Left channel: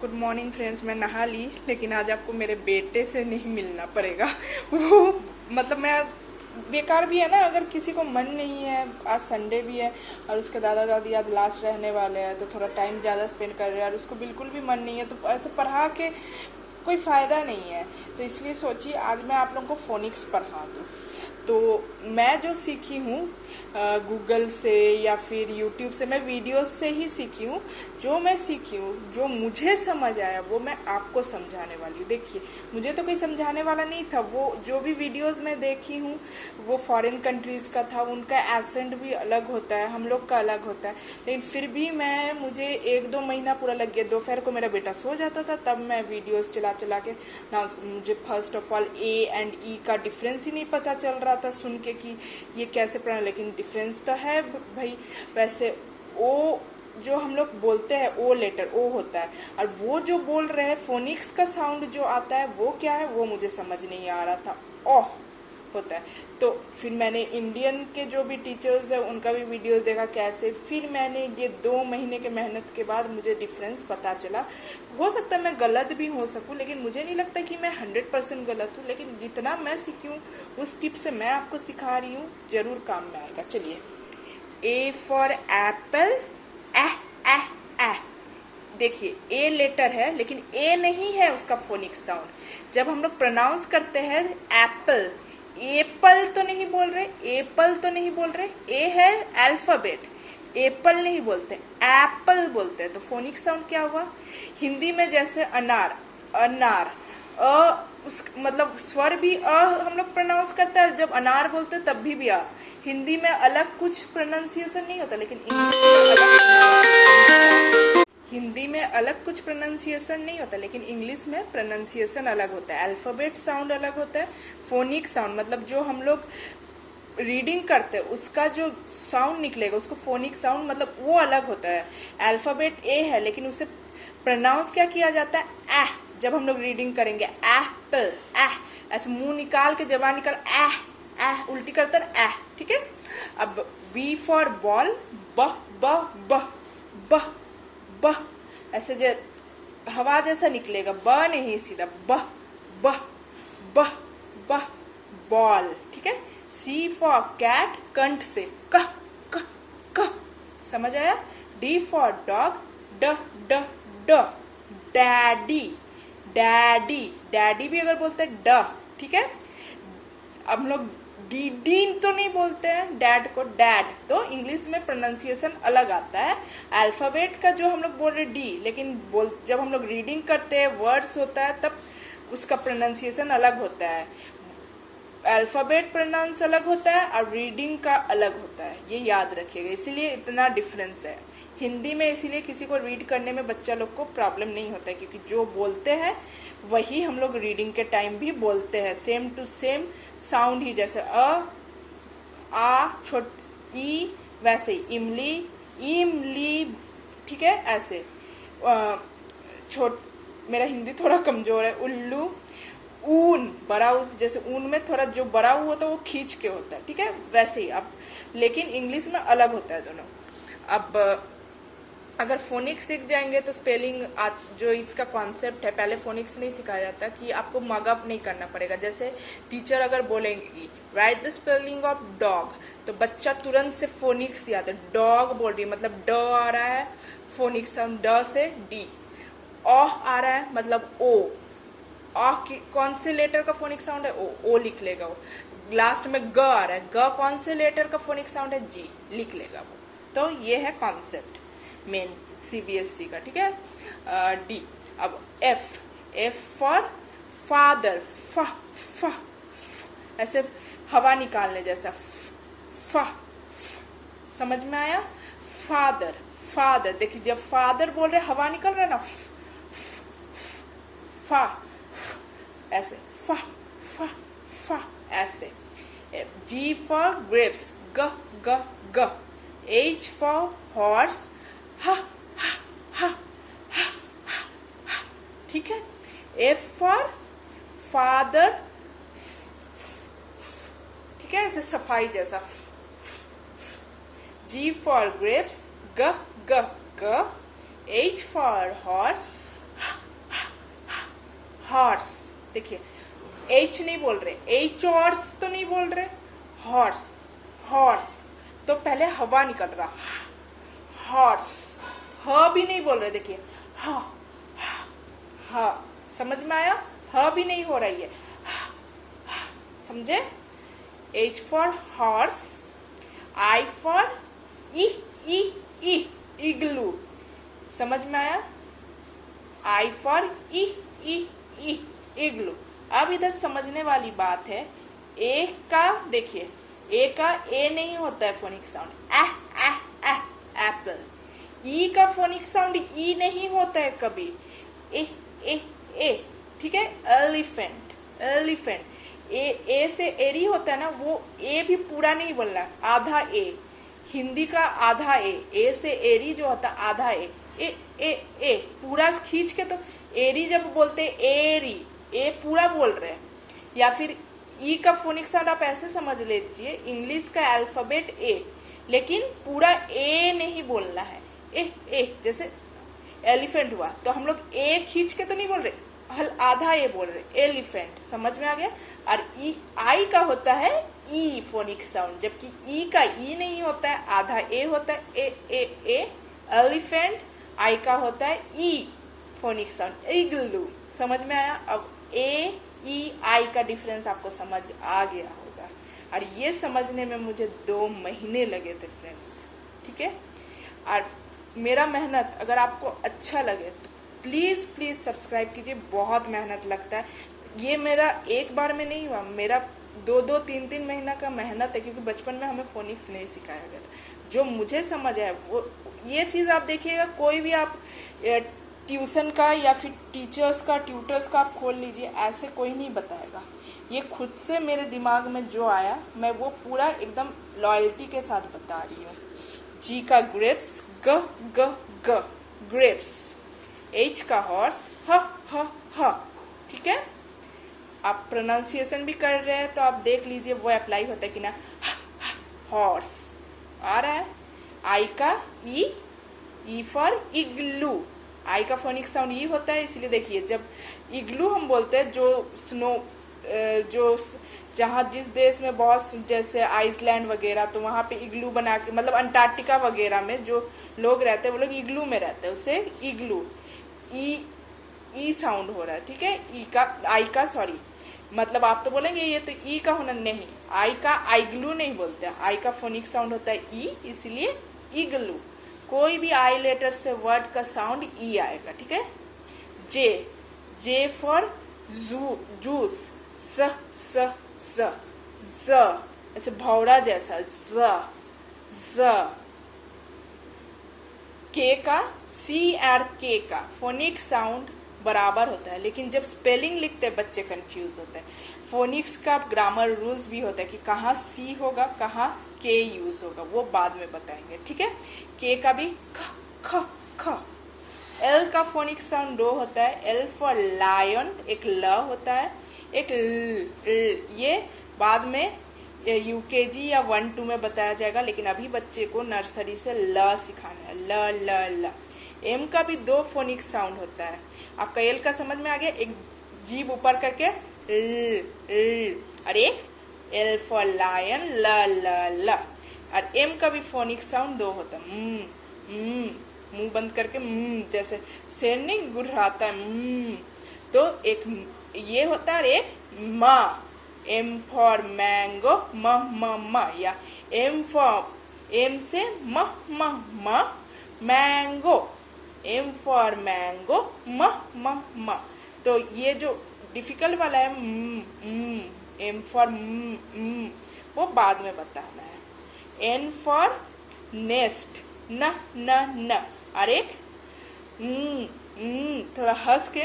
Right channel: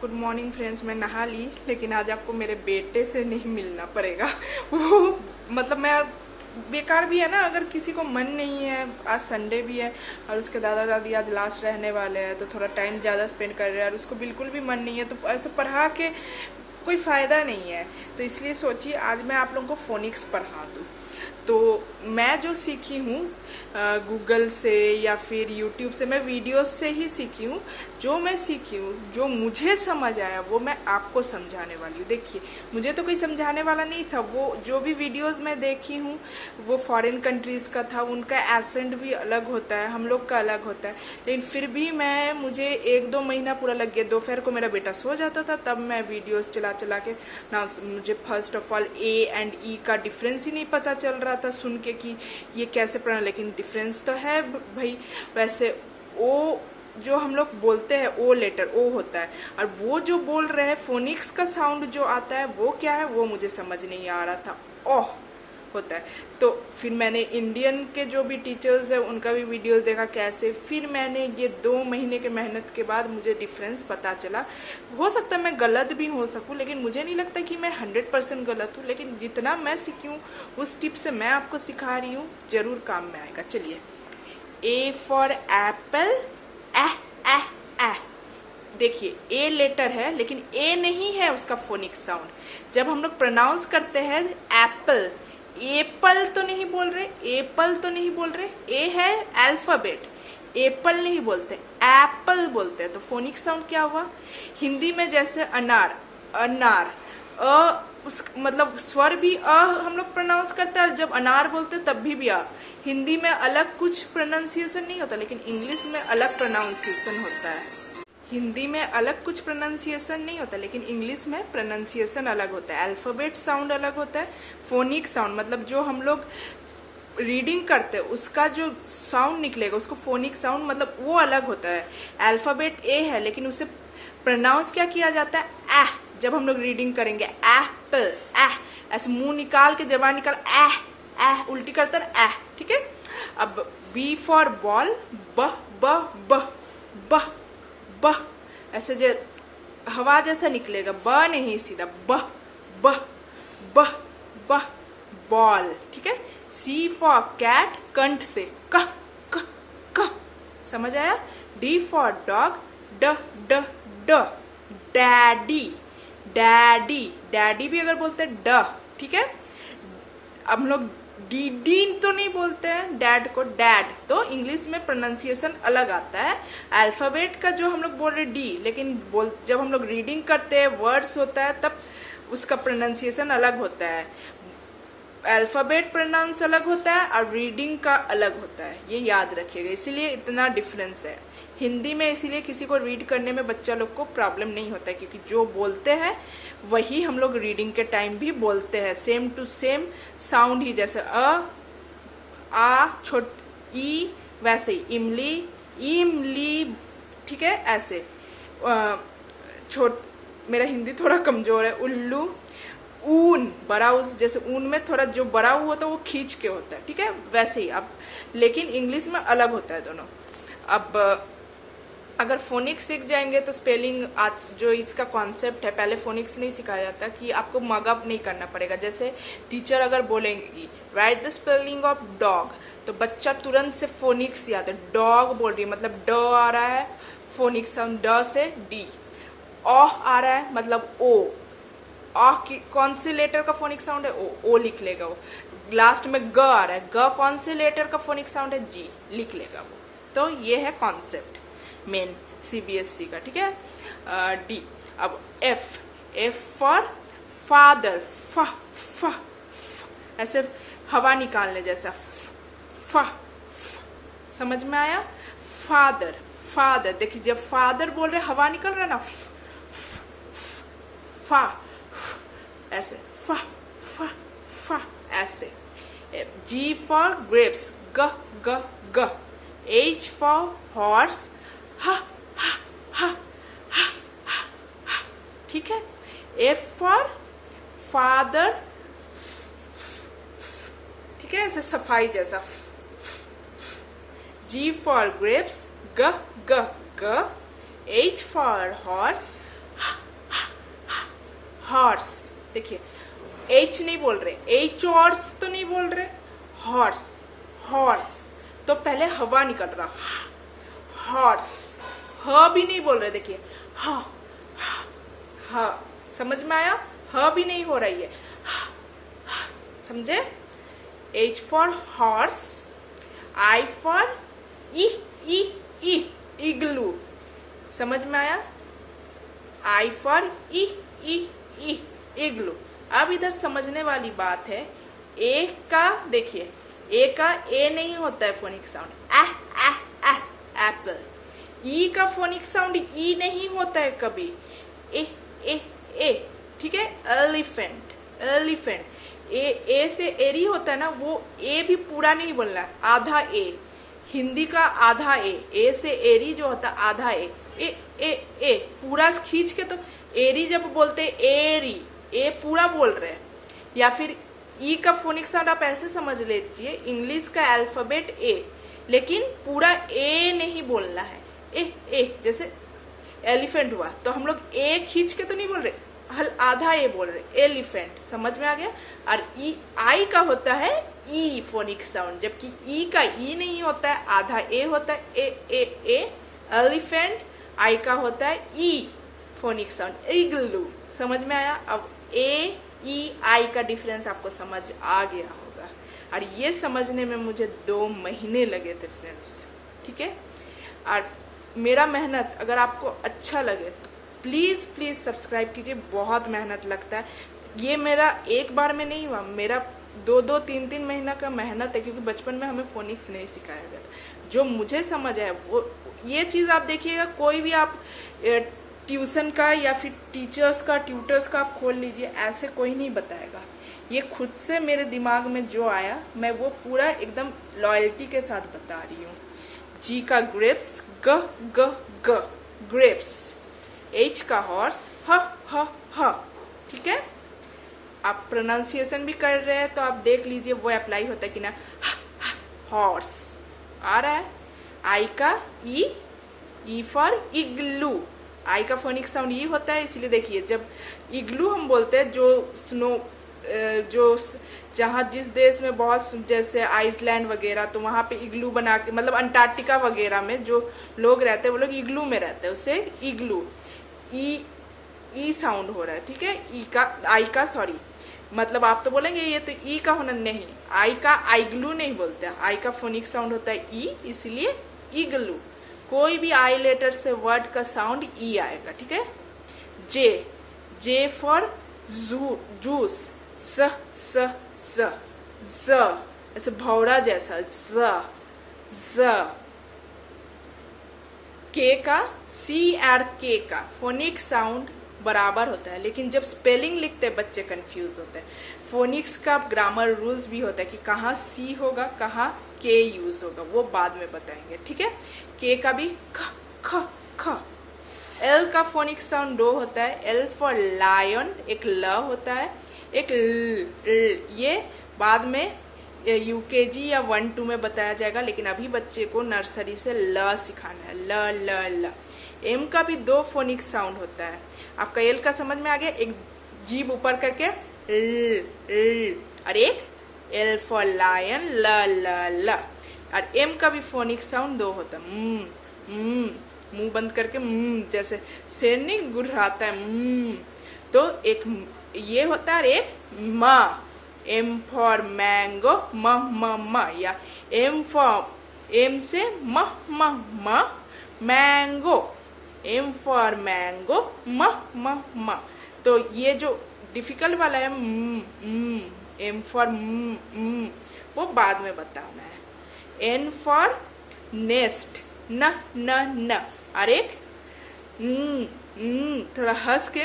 Good morning friends. मैं नहा ली, लेकिन आज आपको मेरे बेटे से नहीं मिलना पड़ेगा। वो मतलब मैं बेकार भी है ना, अगर किसी को मन नहीं है, आज संडे भी है और उसके दादा दादी आज लास्ट रहने वाले हैं तो थोड़ा टाइम ज़्यादा स्पेंड कर रहे हैं और उसको बिल्कुल भी मन नहीं है तो ऐसे पढ़ा के कोई फ़ायदा नहीं है। तो इसलिए सोचिए आज मैं आप लोगों को फोनिक्स पढ़ा दूँ। तो मैं जो सीखी हूँ गूगल से या फिर यूट्यूब से, मैं वीडियोस से ही सीखी हूँ। जो मैं सीखी हूँ, जो मुझे समझ आया वो मैं आपको समझाने वाली हूँ। देखिए, मुझे तो कोई समझाने वाला नहीं था। वो जो भी वीडियोस मैं देखी हूँ वो फॉरेन कंट्रीज का था, उनका एसेंट भी अलग होता है, हम लोग का अलग होता है। लेकिन फिर भी मुझे 1-2 महीना पूरा लग गया। दोपहर को मेरा बेटा सो जाता था तब मैं वीडियोस चला चला के ना, मुझे first of all A and E का डिफरेंस ही नहीं पता चल रहा था सुन के कि ये कैसे पढ़ना। लेकिन डिफरेंस तो है भाई। वैसे ओ जो हम लोग बोलते हैं, ओ लेटर ओ होता है, और वो जो बोल रहे हैं फोनिक्स का साउंड जो आता है वो क्या है वो मुझे समझ नहीं आ रहा था। ओह होता है। तो फिर मैंने इंडियन के जो भी टीचर्स है उनका भी वीडियोस देखा कैसे, फिर मैंने ये 2 महीने के मेहनत के बाद मुझे डिफरेंस पता चला। हो सकता है मैं गलत भी हो सकूं, लेकिन मुझे नहीं लगता कि मैं 100% गलत हूं। लेकिन जितना मैं सीखी हूँ उस टिप से मैं आपको सिखा रही हूँ, जरूर काम में आएगा। चलिए, ए फॉर एप्पल, एह एह एह। देखिए, ए लेटर है लेकिन ए नहीं है उसका फोनिक साउंड। जब हम लोग प्रोनाउंस करते हैं एप्पल, एप्पल तो नहीं बोल रहे, एप्पल तो नहीं बोल रहे, ए है अल्फाबेट, एप्पल नहीं बोलते, एप्पल बोलते हैं। तो फोनिक साउंड क्या हुआ? हिंदी में जैसे अनार, अनार, उस मतलब स्वर भी हम लोग प्रोनाउंस करते हैं, और जब अनार बोलते हैं तब भी आ। हिंदी में अलग कुछ प्रोनाउंसिएशन नहीं होता, लेकिन इंग्लिश में अलग प्रोनाउंसिएशन होता है। हिंदी में अलग कुछ प्रोनाउंसिएशन नहीं होता, लेकिन इंग्लिश में प्रोनाउंसिएशन अलग होता है। अल्फाबेट साउंड अलग होता है, फोनिक साउंड मतलब जो हम लोग रीडिंग करते हैं उसका जो साउंड निकलेगा उसको फोनिक साउंड मतलब वो अलग होता है। अल्फाबेट ए है लेकिन उसे प्रोनाउंस क्या किया जाता है? एह। जब हम लोग रीडिंग करेंगे एप्पल, एह, ऐसे मुंह निकाल के जबान निकाल, एह एह उल्टी करते हैं, एह। ठीक है। अब बी फॉर बॉल, ब ब ब ब ब, ऐसे जो हवा जैसा निकलेगा, ब नहीं सीधा, ब ब ब ब बॉल। ठीक है। सी फॉर कैट, कंठ से क क क, समझ आया? डी फॉर डॉग, ड ड ड, डैडी, डैडी, डैडी भी अगर बोलते हैं ड। ठीक है। अब हम लोग डी डी तो नहीं बोलते हैं डैड को, डैड। तो इंग्लिश में प्रोनाउंसिएशन अलग आता है। अल्फाबेट का जो हम लोग बोल रहे डी, लेकिन जब हम लोग रीडिंग करते हैं वर्ड्स होता है तब उसका प्रोनाउंसिएशन अलग होता है। अल्फाबेट प्रोनाउंस अलग होता है और रीडिंग का अलग होता है, ये याद रखिएगा। इसीलिए इतना डिफरेंस है। हिंदी में इसीलिए किसी को रीड करने में बच्चा लोग को प्रॉब्लम नहीं होता है, क्योंकि जो बोलते हैं वही हम लोग रीडिंग के टाइम भी बोलते हैं, सेम टू सेम साउंड ही। जैसे आ छोट ई, वैसे ही इमली, इमली। ठीक है। ऐसे मेरा हिंदी थोड़ा कमजोर है। उल्लू, ऊन, बड़ा उस, जैसे ऊन में थोड़ा जो बड़ा हुआ होता है वो खींच के होता है। ठीक है। वैसे ही अब, लेकिन इंग्लिश में अलग होता है दोनों। अब अगर फोनिक्स सीख जाएंगे तो स्पेलिंग, आज जो इसका कॉन्सेप्ट है, पहले फोनिक्स नहीं सिखाया जाता कि आपको मगअप नहीं करना पड़ेगा। जैसे टीचर अगर बोलेंगी right the spelling of dog, तो बच्चा तुरंत से फोनिक्स याद है, डॉग बोल रही है मतलब ड आ रहा है, फोनिक्स साउंड ड से डी। ओह आ रहा है मतलब ओ, आह की कौन से लेटर का फोनिक साउंड है? ओ लिख लेगा वो। लास्ट में ग आ रहा है, ग कौन से लेटर का फोनिक साउंड है? जी, लिख लेगा वो। तो ये है कॉन्सेप्ट मेन सीबीएसई का। ठीक है। डी। अब एफ, एफ फॉर फादर, फ फ, ऐसे हवा निकालने जैसा, फ, समझ में आया? Father, father. देखिए जब फादर बोल रहे हवा निकल रहा है ना, फा, ऐसे फा फा फा, ऐसे। जी फॉर ग्रेप्स, ग ग ग। एच फॉर हॉर्स, हा हा हा हा हा। ठीक है। एफ फॉर फादर, ठीक है, ऐसे सफाई जैसा। जी फॉर ग्रेप्स, ग ग ग। H for horse, horse. देखिए एच नहीं बोल रहे, एच हॉर्स तो नहीं बोल रहे, हॉर्स हॉर्स, तो पहले हवा निकल रहा, हॉर्स। ह भी नहीं बोल रहे, देखिए ह ह, समझ में आया? ह भी नहीं हो रही है, समझे? H for horse, I for ई ई ई इग्लू, समझ में आया? I for ई ई ई इग्लू। अब इधर समझने वाली बात है, ए का देखिए, ए का ए नहीं होता है फोनिक साउंड, ए एप्पल। ई का फोनिक साउंड ई नहीं होता है कभी, ए ए ए, ठीक है? एलिफेंट एलिफेंट, ए से एरी होता है ना, वो ए भी पूरा नहीं बोलना है, आधा ए। हिंदी का आधा ए से एरी जो होता है आधा ए पूरा खींच के, तो एरी जब बोलते एरी, ए पूरा बोल रहे हैं। या फिर ई का फोनिक साउंड आप ऐसे समझ लीजिए, इंग्लिश का अल्फाबेट ए, लेकिन पूरा ए नहीं बोलना है, ए जैसे एलिफेंट हुआ तो हम लोग ए खींच के तो नहीं बोल रहे, आधा ए बोल रहे, एलिफेंट, समझ में आ गया? और ई आई का होता है ई फोनिक साउंड, जबकि ई का ई नहीं होता है, आधा ए होता है, ए एलिफेंट। आई का होता है ई फोनिक साउंड, इग्लू, समझ में आया? अब ए ई आई का डिफरेंस आपको समझ आ गया होगा, और ये समझने में मुझे 2 महीने लगे थे फ्रेंड्स, ठीक है? और मेरा मेहनत अगर आपको अच्छा लगे तो प्लीज प्लीज सब्सक्राइब कीजिए, बहुत मेहनत लगता है। ये मेरा एक बार में नहीं हुआ, मेरा 2-2, 3-3 महीना का मेहनत है, क्योंकि बचपन में हमें फोनिक्स नहीं सिखाया गया था। जो मुझे समझ आया वो ये चीज आप देखिएगा, कोई भी आप ट्यूशन का या फिर टीचर्स का, ट्यूटर्स का आप खोल लीजिए, ऐसे कोई नहीं बताएगा। ये खुद से मेरे दिमाग में जो आया, मैं वो पूरा एकदम लॉयल्टी के साथ बता रही हूँ। जी का ग्रेप्स, ग ग ग ग्रेप्स। एच का हॉर्स, ह ह, ठीक है? आप प्रोनाउंसिएशन भी कर रहे हैं तो आप देख लीजिए वो अप्लाई होता है कि ना, हॉर्स आ रहा है। आई का ई फॉर इग्लू, आई का फोनिक साउंड ई होता है, इसलिए देखिए जब इग्लू हम बोलते हैं, जो स्नो, जो जहाँ जिस देश में बहुत, जैसे आइसलैंड वगैरह, तो वहां पे इग्लू बना के, मतलब अंटार्कटिका वगैरह में जो लोग रहते हैं वो लोग इग्लू में रहते हैं, उससे इग्लू, ई साउंड हो रहा है, ठीक है? ई का, आई का, सॉरी, मतलब आप तो बोलेंगे ये तो ई का होना, नहीं, आई का आइग्लू नहीं बोलते हैं, आई का फोनिक साउंड होता है ई, इसलिए इग्लू। कोई भी आई लेटर से वर्ड का साउंड ई आएगा, ठीक है? जे फॉर जूस, स ऐसे भौरा जैसा, ज। के का, सी और के का फोनिक साउंड बराबर होता है, लेकिन जब स्पेलिंग लिखते हैं बच्चे कंफ्यूज होते हैं। फोनिक्स का ग्रामर रूल्स भी होता है कि कहाँ सी होगा, कहाँ के यूज होगा, वो बाद में बताएंगे, ठीक है? के का भी ख। एल का फोनिक साउंड 2 होता है, एल फॉर लायन, एक ल होता है, एक ल, ये बाद में यूकेजी या 1-2 में बताया जाएगा, लेकिन अभी बच्चे को नर्सरी से ल सिखाना है, ल। एम का भी 2 फोनिक साउंड होता है। आपका एल का समझ में आ गया, एक जीभ ऊपर करके ल, और एक एल फॉर लायन, ल। और एम का भी फोनिक साउंड 2 होता है, मुंह बंद करके, जैसे शेर नहीं गुर्राता है, तो एक ये होता है, एक म, एम फॉर मैंगो, म, या एम से म, मैंगो, एम फॉर मैंगो, म। तो ये जो डिफिकल्ट वाला है, एम फॉर वो बाद में बताना है। एन फॉर नेस्ट, न, और एक थोड़ा हंस के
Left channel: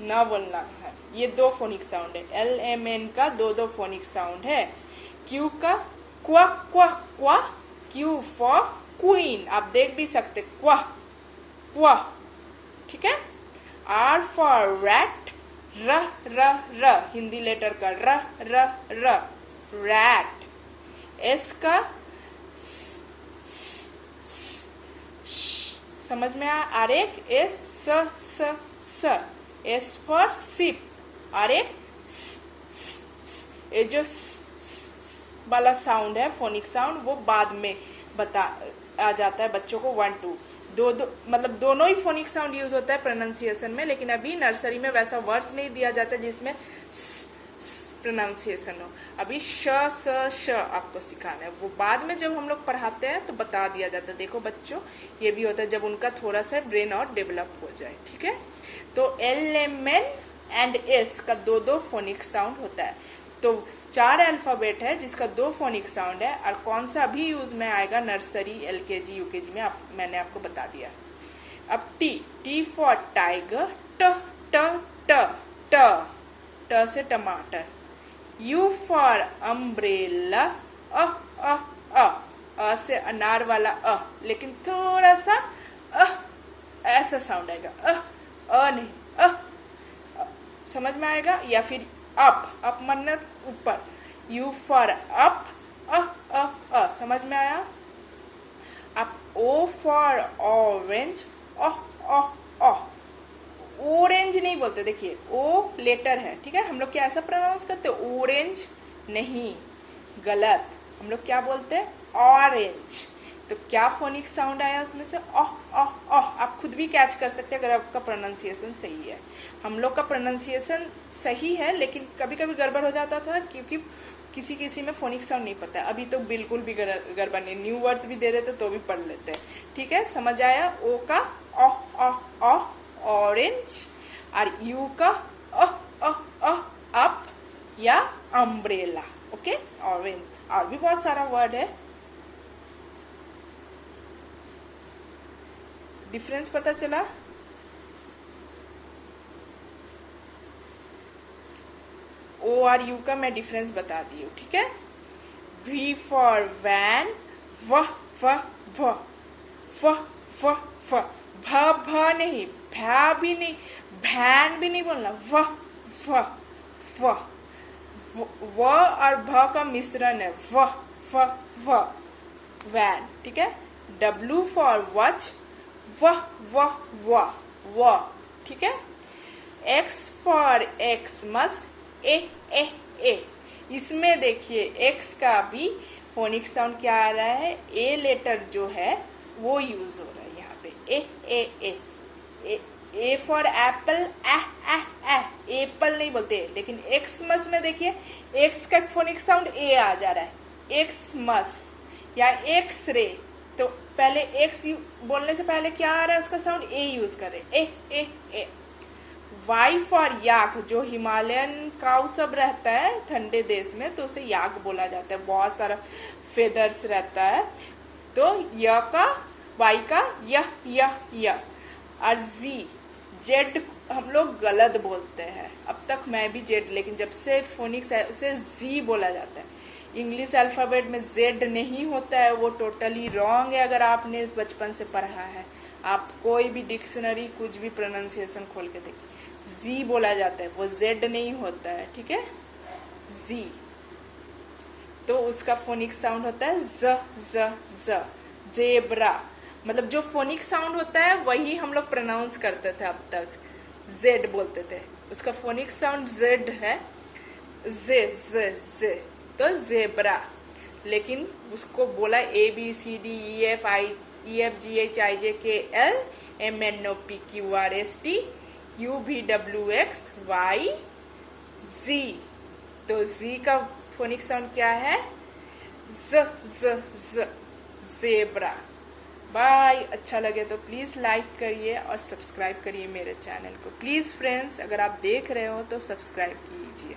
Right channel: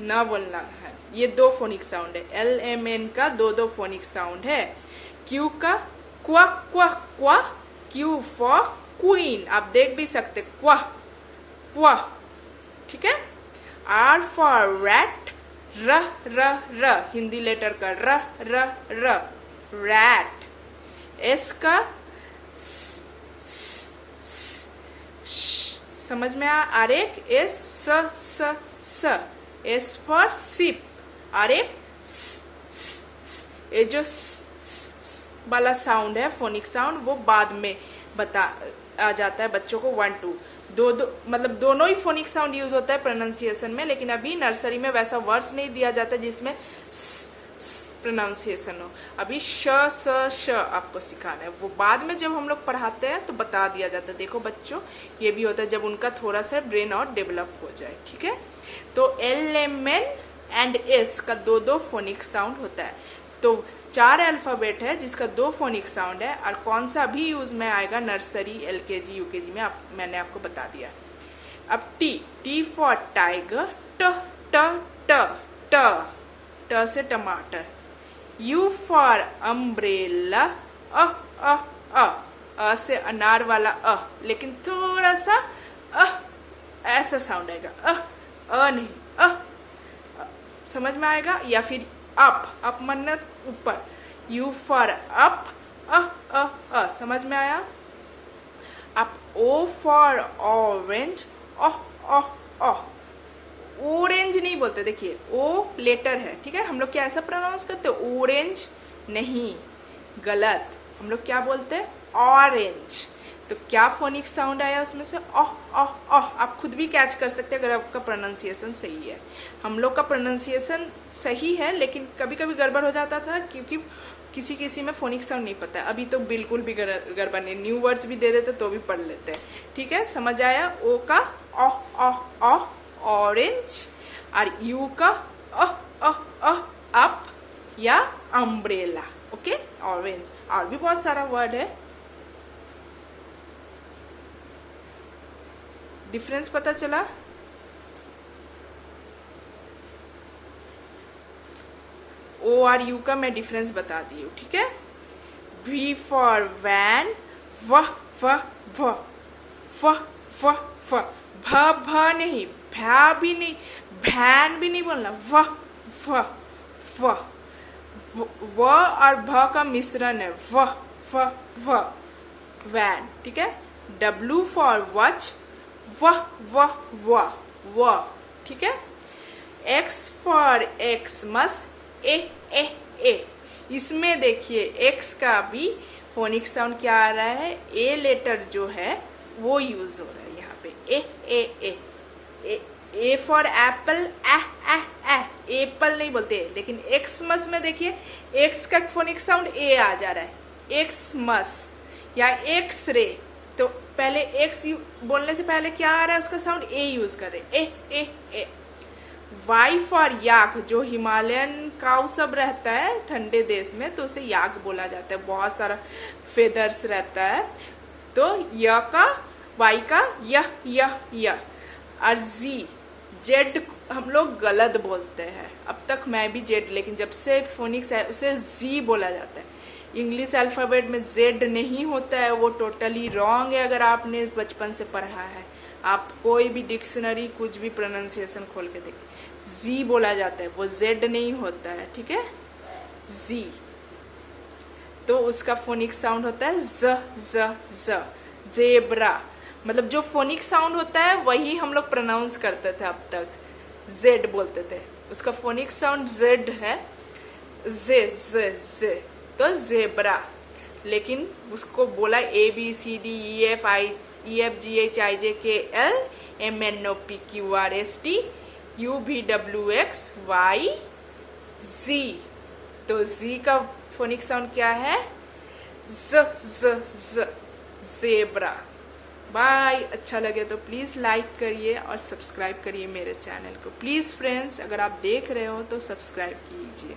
न बोलना है। ये 2 फोनिक साउंड है। एल एम एन का 2 फोनिक साउंड है। क्यू का क्वा, क्यू फॉर क्वीन, आप देख भी सकते, क्वा, ठीक है? आर फॉर रैट, र, हिंदी लेटर का र, रैट। एस का समझ में आ, एक एस, स, एस फॉर सिप, और एक ये जो वाला साउंड है फोनिक साउंड, वो बाद में आ जाता है बच्चों को 1 2 दो मतलब दोनों ही फोनिक साउंड यूज होता है प्रोनाउंसिएशन में, लेकिन अभी नर्सरी में वैसा वर्ड्स नहीं दिया जाता जिसमें प्रोनाउंसिएशन हो। अभी श आपको सिखाना है, वो बाद में जब हम लोग पढ़ाते हैं तो बता दिया जाता है। देखो बच्चों, ये भी होता है जब उनका थोड़ा सा ब्रेन और डेवलप हो जाए, ठीक है। तो L M N and S का दो फोनिक साउंड होता है। तो 4 अल्फाबेट है जिसका 2 फोनिक साउंड है, और कौन सा अभी यूज में आएगा नर्सरी, एलकेजी, यूकेजी में मैंने आपको बता दिया। अब टी फॉर टाइगर, ट ट ट ट ट से टमाटर। यू फॉर अम्ब्रेला, अ से अनार वाला लेकिन थोड़ा सा ऐसा साउंड आएगा, नहीं, समझ में आएगा। या फिर अप मतलब ऊपर, यू फॉर अप, समझ में आया। अब ओ फॉर ऑरेंज, ऑरेंज नहीं बोलते, देखिए ओ लेटर है, ठीक है। हम लोग क्या ऐसा प्रोनाउंस करते हैं, ऑरेंज नहीं, गलत। हम लोग क्या बोलते हैं, ऑरेंज। तो क्या फोनिक साउंड आया उसमें से, आप खुद भी कैच कर सकते हैं अगर आपका प्रोनाउंसिएशन सही है। हम लोग का प्रोनाउंसिएशन सही है, लेकिन कभी कभी गड़बड़ हो जाता था क्योंकि किसी में फोनिक साउंड नहीं पता है। अभी तो बिल्कुल भी गड़बड़ नहीं, न्यू वर्ड्स भी दे देते तो भी पढ़ लेते हैं, ठीक है। समझ आया। ओ का ऑरेंज, और यू का अप या अम्ब्रेला, ओके, ऑरेंज। और भी बहुत सारा वर्ड है, डिफरेंस पता चला। ओ और यू का मैं डिफरेंस बता दी हूँ, ठीक है। वी फॉर वैन, व भ नहीं, भा भी नहीं, भैन भी नहीं बोलना, व और भ का मिश्रण है, व वैन, ठीक है। डब्ल्यू फॉर वॉच, व, ठीक है। एक्स फॉर एक्समस, ए। इसमें देखिए एक्स का भी फोनिक साउंड क्या आ रहा है, ए लेटर जो है वो यूज हो रहा है यहाँ पे, ए फॉर एप्पल, एप्पल नहीं बोलते, लेकिन एक्समस में देखिए एक्स का फोनिक साउंड ए आ जा रहा है, एक्समस या एक्स रे। तो पहले एक्स बोलने से पहले क्या आ रहा है, उसका साउंड ए यूज कर रहे, ए। वाई फॉर याक, जो हिमालयन काउ सब रहता है ठंडे देश में तो उसे याक बोला जाता है, बहुत सारा फेदर्स रहता है। तो य का, वाई का य, और जेड हम लोग गलत बोलते हैं, अब तक मैं भी जेड, लेकिन जब से फोनिक्स है उसे जी बोला जाता है। इंग्लिश अल्फाबेट में जेड नहीं होता है, वो टोटली रॉन्ग है। अगर आपने बचपन से पढ़ा है, आप कोई भी डिक्शनरी कुछ भी प्रोनाउंसिएशन खोल के देखिए, जी बोला जाता है, वो जेड नहीं होता है, ठीक है, जी। तो उसका फोनिक साउंड होता है ज, जेब्रा। मतलब जो फोनिक साउंड होता है वही हम लोग प्रोनाउंस करते थे अब तक, जेड बोलते थे, उसका फोनिक साउंड जेड है, जे, तो जेब्रा। लेकिन उसको बोला ABCD EFGHIJKL MNOPQRST UVWXY Z। तो Z का फोनिक साउंड क्या है, जेब्रा। बाय। अच्छा लगे तो प्लीज लाइक करिए और सब्सक्राइब करिए मेरे चैनल को, प्लीज फ्रेंड्स। अगर आप देख रहे हो तो सब्सक्राइब कीजिए।